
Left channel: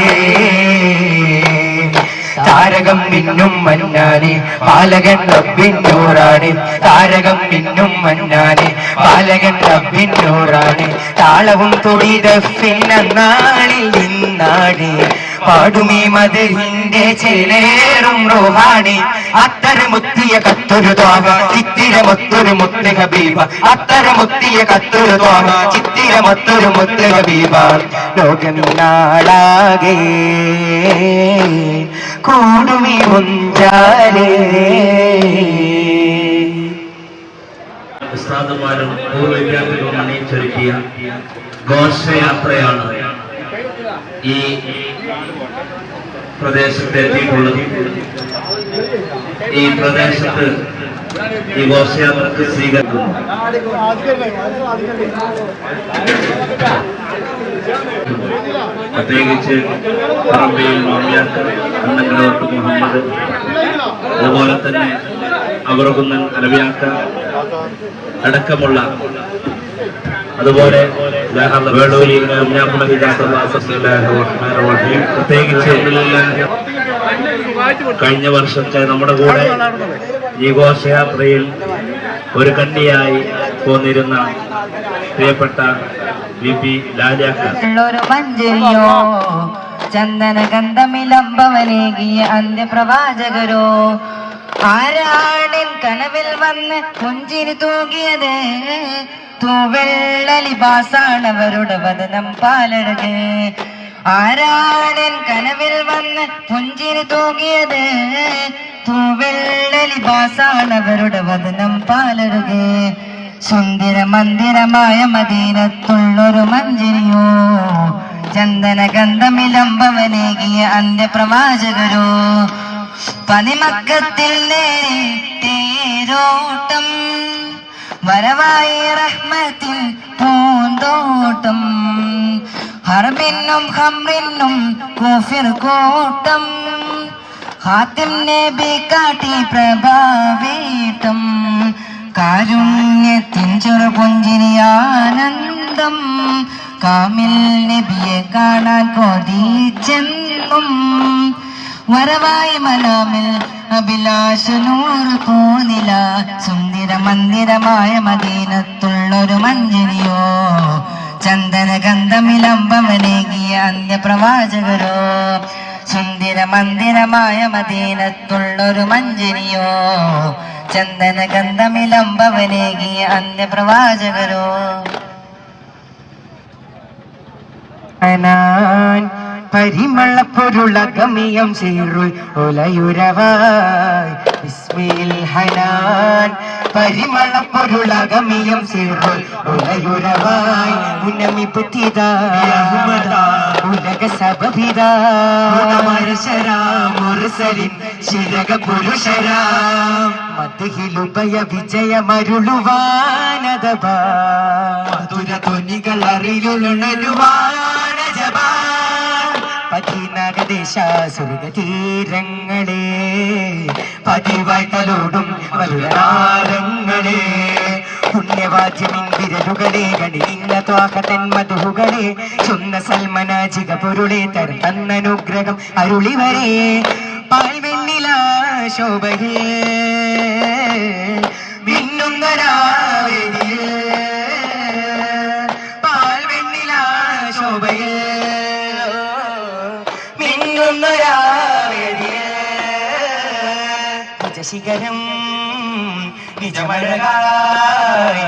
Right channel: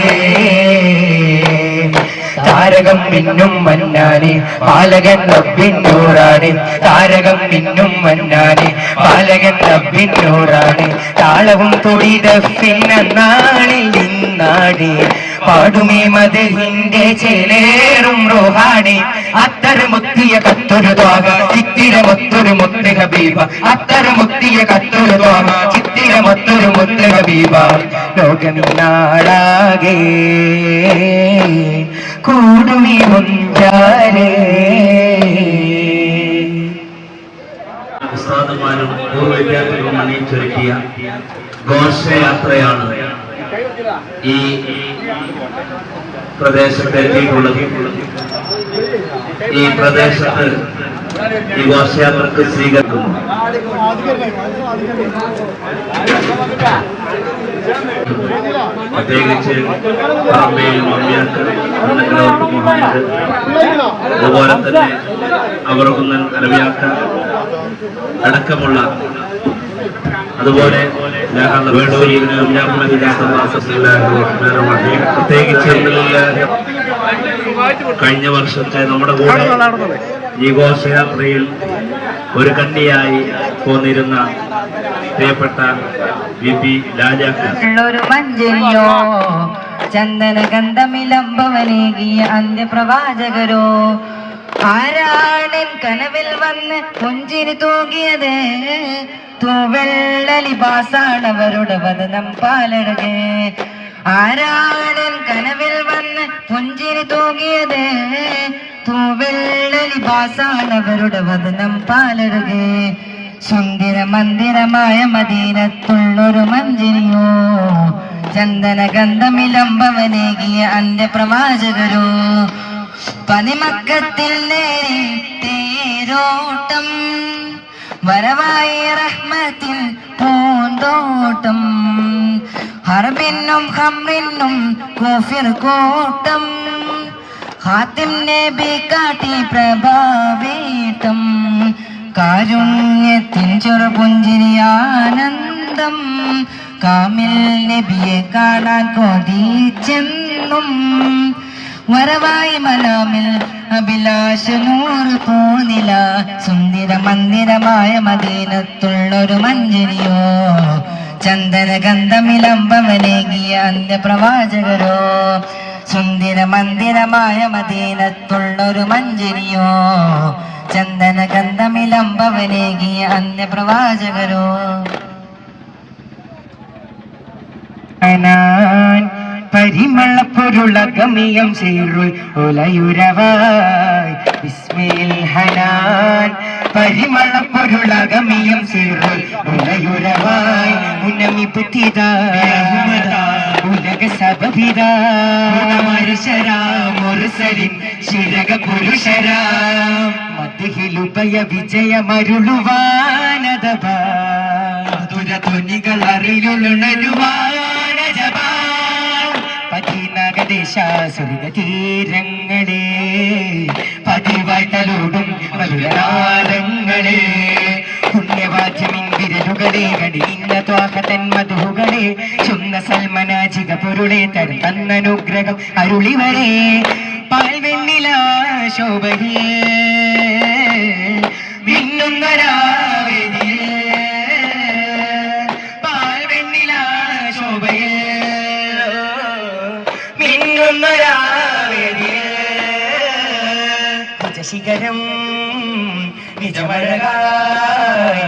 താരകം മിന്നും മന്നാനെ പാലകൻ റബ്ബിന്നൂറാണ് താരകം മിന്നും മന്നാനെ പാലകൻ റബ്ബിന്നൂറാണ് താളവും തൊടിത പിന്നാളിൽ നിന്നാടി പാടുമേ മധുഹിന്റെ ചേലേറും റോഹാണി. അത്തര മുത്തിയ കത്തൊരു തോക ചിത്തിരമൊത്തൊരു മുത്ത് ഹബീബ. അത്തര മുത്തിയ കത്തൊരു തോക ചിത്തിരമൊത്തൊരു മുത്ത് ഹബീബ. ലോകം നാടാകെ കൂടുമീ മുഞ്ചാരേ ഉസ്താദുമാരും വിദ്യാർത്ഥികളും അണിയിച്ചൊരുക്കിയ ഘോഷയാത്രയാണ് ഈ പ്രദേശത്ത് എത്തിയിട്ടുള്ളത് ഈ പ്രദേശത്ത് ഈ ഘോഷയാത്രക്ക് സ്വീകരിക്കുന്നു പ്രത്യേകിച്ച് അതുപോലെ തന്നെ അവറുകുന്നൻ അലവിയാക്ക അടക്കമുള്ള അതുപോലെ പ്രത്യേകിച്ച് കഴിഞ്ഞ വർഷത്തെ നമ്മുടെ കൂടെ ഈ ഘോഷയാത്രയിൽ ഒരു കണ്ണിയായി പോന്നിരുന്ന പ്രിയപ്പെട്ട വി പി മഞ്ചരിയോ ചന്ദന ഗന്ധമിലംബവനേകിയ അന്ത്യപ്രവാചകരോ ആരാണ് കനവിൽ വന്ന് പുഞ്ചിരി തൂകിയത്? തൂവെള്ളലിബാസാണവരുടെ വദനം പാലരുത്. ആരാധനൻ കനവിൽ വന്ന് പുഞ്ചിരി തൂകിയത് തൂവെള്ളലിബാസാണവരുടെ വദനം പാലരുത്. സുന്ദര മന്ദിരമായ മദീനത്തുള്ളൊരു മഞ്ചിനിയോ ചന്ദന ഗന്ധമിലംബവനേകിയ അന്ത്യപ്രവാചകരോ പനിമക്കത്തിൽ നേരിട്ടേരോട്ടം. വരവായി റഹ്മത്തിൻ പൂന്തോട്ടം. ഹർബിന്നും ഹമ്രിന്നും കൂഫിർ കൂട്ടം. ഹാത്തിം നബി കാട്ടി പ്രഭാവീട്ടം. കാരുണ്യത്തിൻ ചെറുപുഞ്ചിരിയാനന്ദം. കാമിൽ നബിയെ കാണാൻ കൊതിച്ചെന്നും വരവായി മനാമിൽ അഭിലാഷ നൂറ് പോനില. സുന്ദര മന്ദിരമായ മദീനത്തുള്ളൊരു മഞ്ജരിയോ ചന്ദന ഗന്ധമിലംബവനേകിയ അന്ത്യപ്രവാചകരോ? സുന്ദര മന്ദിരമായ മദീനത്തുള്ളൊരു മഞ്ജരിയോ ചന്ദന ഗന്ധമിലംബവനേകിയ അന്ത്യപ്രവാചകരോ? പരിമളപ്പൊരുളകമിയം സീറുൾ ഒലയുരവായി. ബിസ്മിൽ ഹനാൻ പരിമളപ്പൊരുളകമിയം സീറുൾ ഉന്നമി ഉലക മുർസലിൻ ശിരക പുരുഷരാം മതിഹിലുപയ വിജയമരുളുവാനതപാ. മധുര ധ്വനികൾ അറിവിലുണരുവാനജപാ പതിനകദേശ സുഖതീരങ്ങളെ പതിവാഴ്ത്തലോടും മധുരനാദങ്ങളെ. പുണ്യവാദ്യമിൻ വിരലുകളെ കടിഞ്ഞ ത്വാഹതൻ മധുകളെ ചുന്ന സൽമനാജിക പൊരുളെ തൻ തന്നനുഗ്രഹം അരുളിവരെ. പാൽവെണ്ണില ശോഭയേ മിന്നുന്ന നിജശിഖരം നിജമഴകായി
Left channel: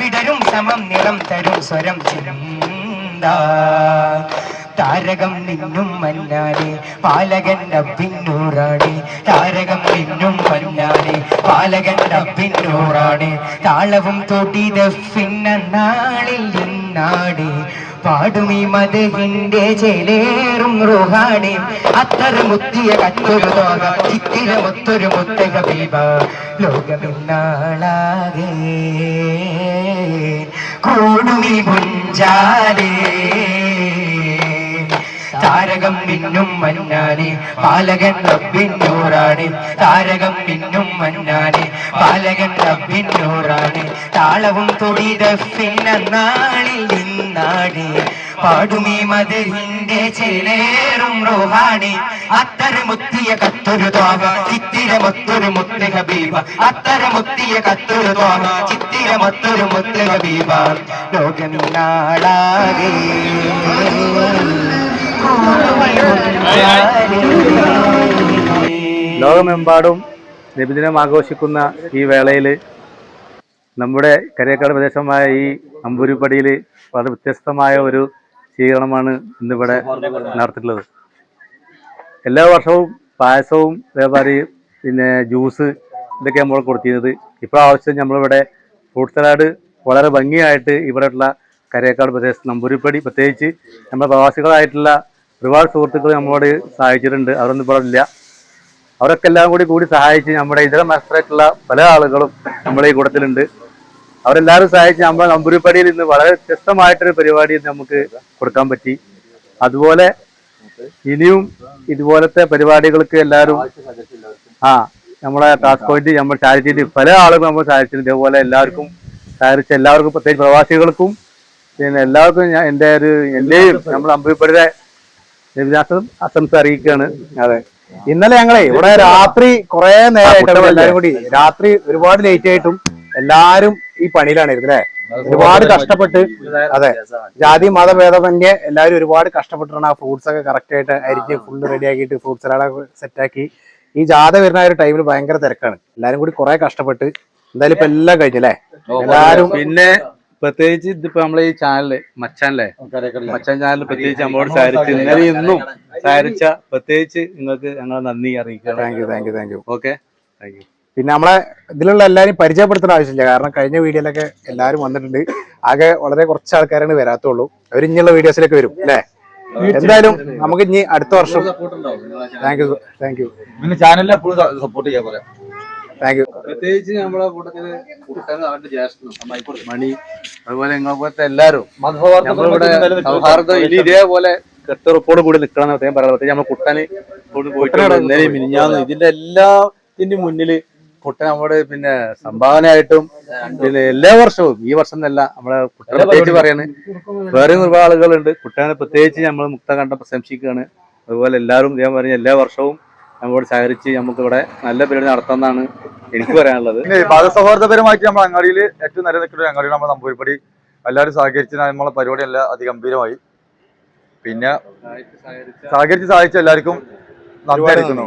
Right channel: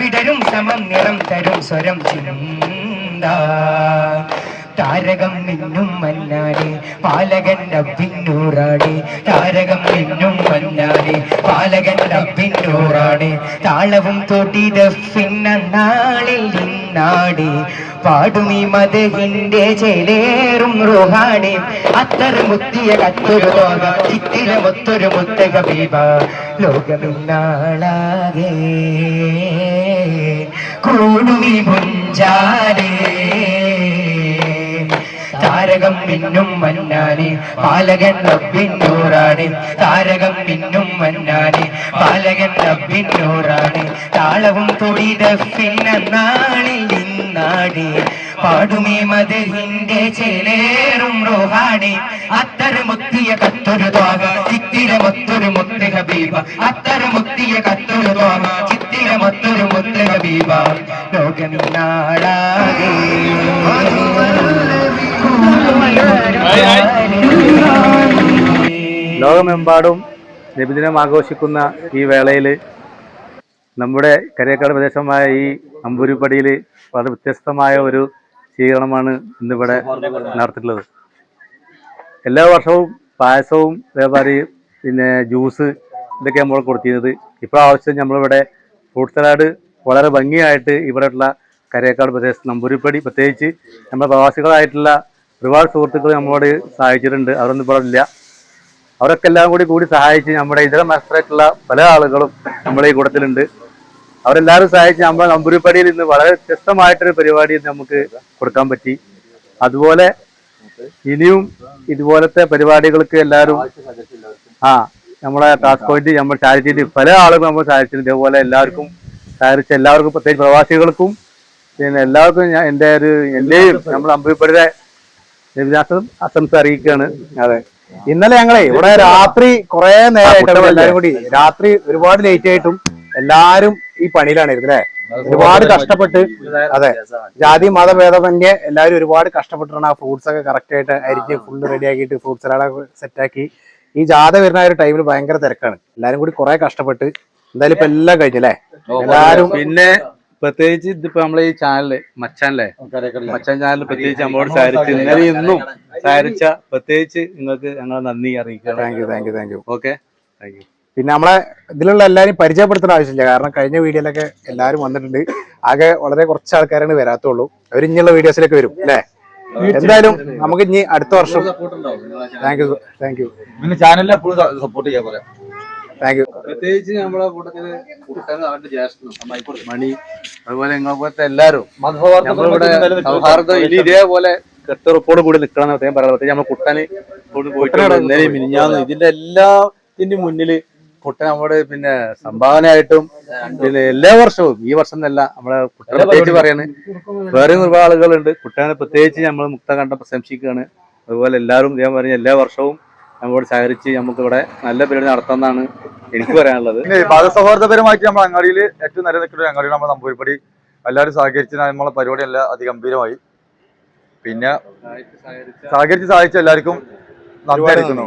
വിടരും സമം നിറം തരും സ്വരം ചിന്ത താരകം നിന്നും മല്ലാടി പാലകൻ പിന്നൂറാടി താരകം നിന്നും മല്ലാടി പാലകൻ പിന്നൂറാടി താളവും തൊട്ടിത പിന്നാളിൽ നിന്നാടി പാടുമീ മതഹിന്റെ ചേലേറും റുഹാണി. അത്തര മുത്തിയ കത്തൊരു ലോക ചിത്തിരമൊത്തൊരു മുത്ത ബീബ. ലോകമിന്നാളാകെ കൂടുമീ മുഞ്ചാലേ താരകം പിന്നും മന്നാനെ പാലകൻ റബ്ബിന്നൂറാണ് താരകം പിന്നും മന്നാനെ പാലകൻ റബ്ബിന്നൂറാണ് താളവും തൊടിത പിന്നാളിൽ നിന്നാടി പാടുമേ മതിലിന്റെ ചേലേറും റോഹാണി. അത്തര മുത്തിയ കത്തൊരു തോക ചിത്തിരമൊത്തൊരു മുത്ത് ഹബീബ. അത്തര മുത്തിയ കത്തൊരു തോക ചിത്തിരമൊത്തൊരു മുത്ത് ഹബീബ. നാടാകെ ലോകമെമ്പാടും നബിദിനം ആഘോഷിക്കുന്ന ഈ വേളയിൽ നമ്മുടെ കരിയക്കാട് പ്രദേശമായ ഈ അമ്പൂരിപ്പടിയിൽ വളരെ വ്യത്യസ്തമായ ഒരു സ്വീകരണമാണ് ഇന്നിവിടെ നടത്തിയിട്ടുള്ളത്. എല്ലാ വർഷവും പായസവും അതേമാതിരി പിന്നെ ജ്യൂസ് ഇതൊക്കെ നമ്മൾ കൊടുത്തിരുന്നത്. ഇപ്രാവശ്യം നമ്മളിവിടെ ഫ്രൂട്ട് സലാഡ് വളരെ ഭംഗിയായിട്ട് ഇവിടെയുള്ള കരേക്കാട് പ്രദേശത്ത് നമ്പൂരിപ്പടി പ്രത്യേകിച്ച് നമ്മുടെ പ്രവാസികളായിട്ടുള്ള ഒരുപാട് സുഹൃത്തുക്കൾ നമ്മളോട് സഹായിച്ചിട്ടുണ്ട്. അവരൊന്നും ഇവിടെ ഇല്ല. അവരൊക്കെ എല്ലാം കൂടി കൂടി സഹായിച്ച് നമ്മുടെ ഇതര മത്സരമായിട്ടുള്ള പല ആളുകളും നമ്മുടെ ഈ കൂട്ടത്തിലുണ്ട്. അവരെല്ലാവരും സഹായിച്ച് നമ്മുടെ നമ്പൂരിപ്പടിയിൽ ഇന്ന് വളരെ വ്യത്യസ്തമായിട്ടൊരു പരിപാടി നമുക്ക് കൊടുക്കാൻ പറ്റി. അതുപോലെ ഇനിയും ഇതുപോലത്തെ പരിപാടികൾക്ക് എല്ലാവരും ആ നമ്മളെ ടാസ്ക് പോയിന്റ് നമ്മൾ സഹായിച്ചിട്ട് പല ആളുകളും നമ്മൾ സഹായിച്ചിട്ടുണ്ട്. ഇതേപോലെ എല്ലാവർക്കും സഹായിച്ച എല്ലാവർക്കും പ്രത്യേകിച്ച് പ്രവാസികൾക്കും പിന്നെ എല്ലാവർക്കും ഞാൻ എന്റെ ഒരു എന്റെയും നമ്മുടെ അമ്പൂരിപ്പടിയുടെ രവിദാസും ആശംസ അറിയിക്കുകയാണ്. അതെ. ഇന്നലെ ഞങ്ങളെ ഇവിടെ രാത്രി കുറെ നേരമായിട്ട് എല്ലാവരും കൂടി. രാത്രി ഒരുപാട് ലേറ്റ് ആയിട്ടും എല്ലാരും ഈ പണിയിലാണ് ഇരുന്നത് അല്ലേ? ഒരുപാട് കഷ്ടപ്പെട്ട് അതെ. ജാതി മതഭേദമന്യേ എല്ലാരും ഒരുപാട് കഷ്ടപ്പെട്ടിട്ടാണ് ആ ഫ്രൂട്ട്സ് ഒക്കെ കറക്റ്റ് ആയിട്ട് അരിഞ്ഞ് ഫുള്ള് റെഡി ആക്കിയിട്ട് ഫ്രൂട്ട്സ് സലാഡൊക്കെ സെറ്റാക്കി ഈ ജാഥ വരുന്ന ആ ഒരു ടൈമിൽ ഭയങ്കര തിരക്കാണ്. എല്ലാരും കൂടി കുറെ കഷ്ടപ്പെട്ട് എന്തായാലും ഇപ്പൊ എല്ലാം കഴിഞ്ഞല്ലേ എല്ലാരും പിന്നെ പ്രത്യേകിച്ച് ഇതിപ്പോ നമ്മളെ ഈ ചാനൽ മച്ചാനല്ലേ മച്ചാൻ ചാനൽ പ്രത്യേകിച്ച് നമ്മളോട് സഹകരിച്ച് ഇന്നലെ ഇന്നും സഹകരിച്ച പ്രത്യേകിച്ച് നിങ്ങൾക്ക് ഞങ്ങൾ നന്ദി അറിയിക്കുക thank you thank you thank you okay thank you പിന്നെ നമ്മളെ ഇതിലുള്ള എല്ലാരും പരിചയപ്പെടുത്തേണ്ട ആവശ്യമില്ല. കാരണം കഴിഞ്ഞ വീഡിയോയിലൊക്കെ എല്ലാവരും വന്നിട്ടുണ്ട്. ആകെ വളരെ കുറച്ച് ആൾക്കാരാണ് വരാത്തുള്ളൂ. അവർ ഇനിയുള്ള വീഡിയോസിലേക്ക് വരും അല്ലേ? എന്തായാലും നമുക്ക് ഇനി അടുത്ത വർഷം. താങ്ക് യു താങ്ക് യു പിന്നെ ചാനലിൽ എപ്പോഴും സപ്പോർട്ട് ചെയ്യാൻ പറയാം. താങ്ക് യു പ്രത്യേകിച്ച് നമ്മളെ കൂട്ടത്തിൽ കുട്ടനും അവന്റെ ജ്യേഷ്ഠനും മണി അതുപോലെ നിങ്ങളെ പോലത്തെ എല്ലാരും നമ്മളിവിടെ സൗഹാർദ്ദം ഇനി ഇതേപോലെ കെട്ടുറപ്പോട് കൂടി നിൽക്കണം എന്ന് പ്രത്യേകിച്ച് നമ്മൾ കുട്ടന് കൊണ്ട് പോയിട്ട് മിനിഞ്ഞാന്ന് ഇതിന്റെ എല്ലാത്തിന്റെ മുന്നിൽ കുട്ടൻ നമ്മുടെ പിന്നെ സംഭാവനയായിട്ടും പിന്നെ എല്ലാ വർഷവും ഈ വർഷം എന്നല്ല നമ്മളെ കുട്ടനെ പ്രത്യേകിച്ച് പറയാണ്. വേറെ ഒരുപാട് ആളുകളുണ്ട്. കുട്ടനെ പ്രത്യേകിച്ച് നമ്മൾ മുക്ത കണ്ടം പ്രശംസിക്കുകയാണ്. അതുപോലെ എല്ലാവരും ഞാൻ പറഞ്ഞ എല്ലാ വർഷവും നമ്മോട് സഹകരിച്ച് നമുക്ക് ഇവിടെ നല്ല പരിപാടി നടത്താമെന്നാണ് എനിക്ക് പറയാനുള്ളത്. പിന്നെ മതസൗഹാർദ്ദപരമായിട്ട് നമ്മൾ അങ്ങാടിയിൽ ഏറ്റവും നല്ല നിൽക്കുന്ന ഒരു അങ്ങാടിയിൽ നമ്മൾ നമ്പൂരിപ്പടി. എല്ലാവരും സഹകരിച്ച് നമ്മളെ പരിപാടി എല്ലാം അതിഗംഭീരമായി. പിന്നെ സഹകരിച്ച് സഹായിച്ച എല്ലാവർക്കും നന്ദി അറിയിക്കുന്നു.